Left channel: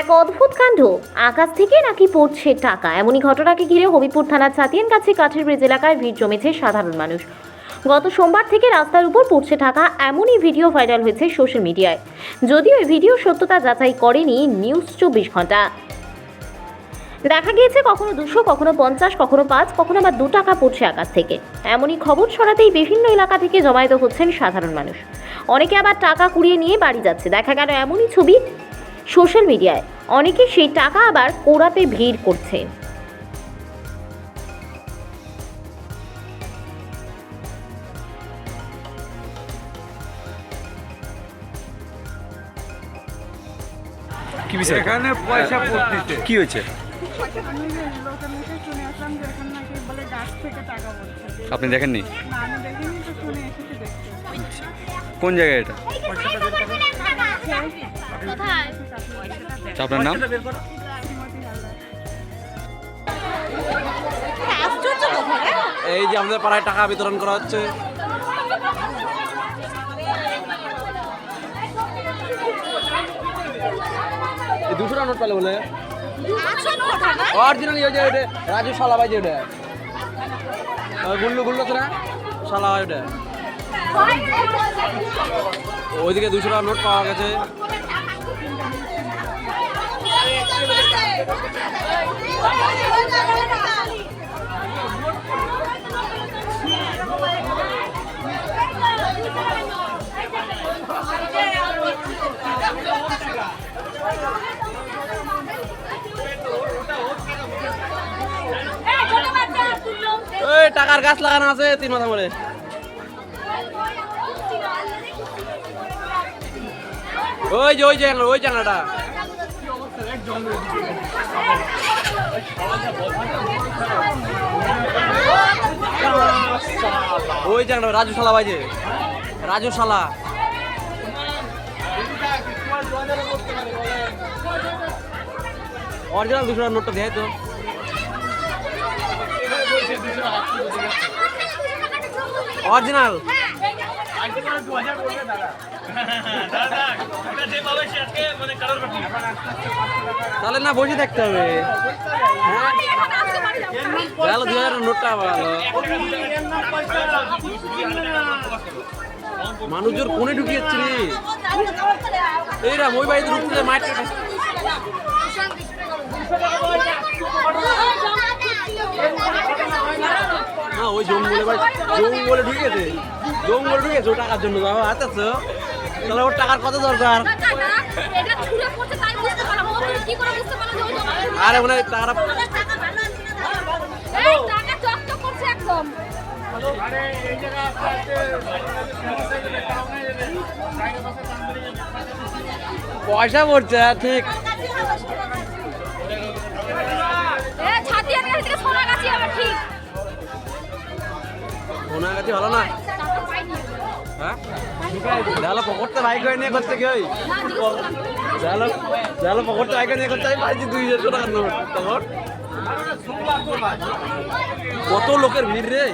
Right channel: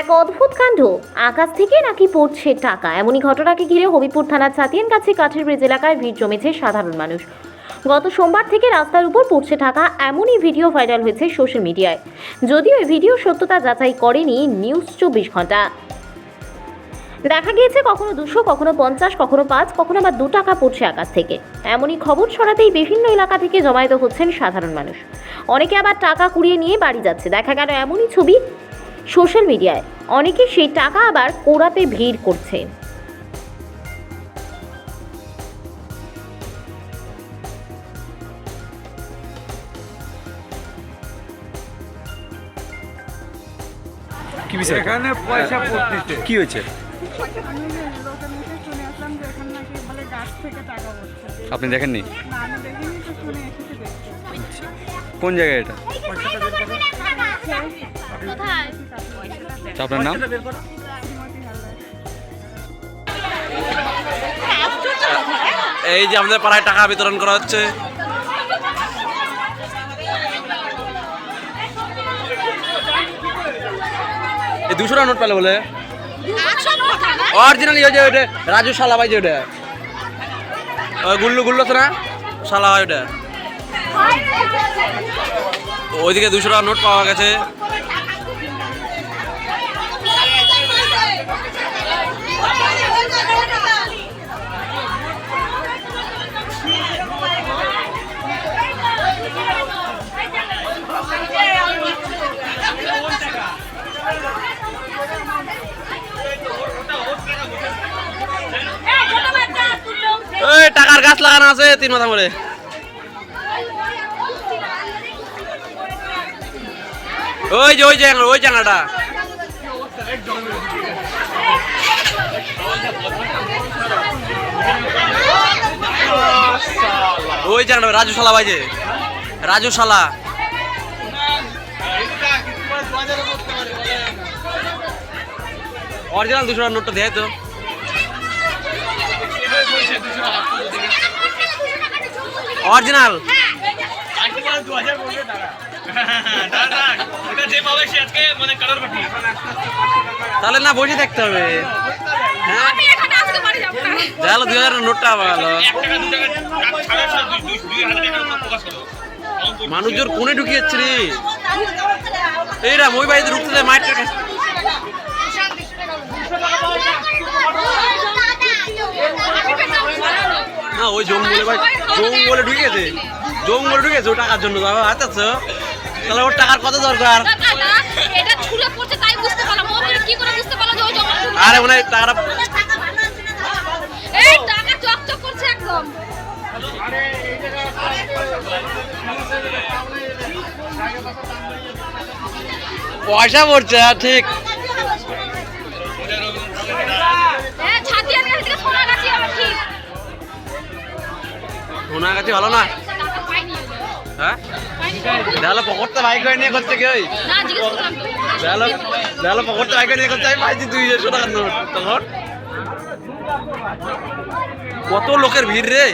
এক অদ্ভুত কাণ্ড, আকাশ থেকে নাকি পড়ছে টাকা। এমনই ঘটনাকে ঘিরে হবিপুর থানার ছাতিয়ান কাছে কাঠের ব্রিজ এলাকায় ভিড় জমেছে সাধারণ মানুষ। গত সোমবার থেকে রাস্তার উপর পড়ছে টাকা, এমনই ভিডিও ভাইরাল হয়েছে সোশ্যাল মিডিয়ায়। যদিও এই ভিডিও সত্যতা যাচাই করেনি নিউজ 24 ঘন্টা। দেখা গিয়েছে কখনো 200, কখনো 50, কখনো 5, কখনো আবার 2 টাকা পড়ছে আকাশ থেকে। এমনই খবর ছড়াতেই বিভিন্ন এলাকা থেকে জমায়েত হচ্ছেন সাধারণ মানুষ। অনেকে আবার টাকা কুড়িয়ে নিয়ে বাড়ি যাচ্ছে। দেখা গেল এমনই ছবি সোশ্যাল মিডিয়ায়। অনেকে সেই টাকা আবার কোড়াতে ভিড় করছে। কি বিষয়? এখানে পয়সা পড়তেছে। কি হয়েছে? আমি লোকের মুখে শুনে আসলাম যে এখানে নাকি বলে গাছ থেকে টাকা পড়ছে। আপনি দেখেননি? না, আমি দেখিনি, তো শুনে এসেছি দেখতে। কোন জায়গায় এটা? আপনার নাম? শ্রীমতী হালদার। এই যে আমাদের পাড়ায় টাকা বিতরণ করা হচ্ছে। এই 200 টাকা নোট পেলে বলে অরিজিনাল ওই যে ওইটা রাজু শালা ভাই যে ওটা ওই গুল্লু গুল্লু তো না শালা হয় ওটা। ওইদিকে 200 টাকা নোট পাওয়া গেছে। এই টাকার গাছ লাগানো আছে 3 মাথা করে। ওই জায়গাটা রাজু শালা ভাই যে রাজু শালা। অরিজিনাল 200 টাকার নোটটা দেয় তো। অরিজিনাল তাহলে না বসে থাকতে হবে। হ্যাঁ তাহলে 2000 নোটটা ভালো। মানুষজন কোনে ঢুকিয়েছে রে এইরা মই বাড়িতে ঢুকতে মাইট না ওই জঙ্গলে ভাই জঙ্গলে ঢুকেছে ও টাকার জন্য আচ্ছা তাহলে ওর টাকার কত দরকার? আরে মনে হয় টাকাটা পয়সা পড়ছে ঠিক। সোনাগাছি ভালো না? হ্যাঁ দেখালো পকড়তে বাইক হয়ে নিয়ে করছে কি? ওই দেখালো পকড়তে বাইক নিয়ে করছে। আমি পাইছি 200 টাকার নোট। তখন কত লোকের ভিড় রে।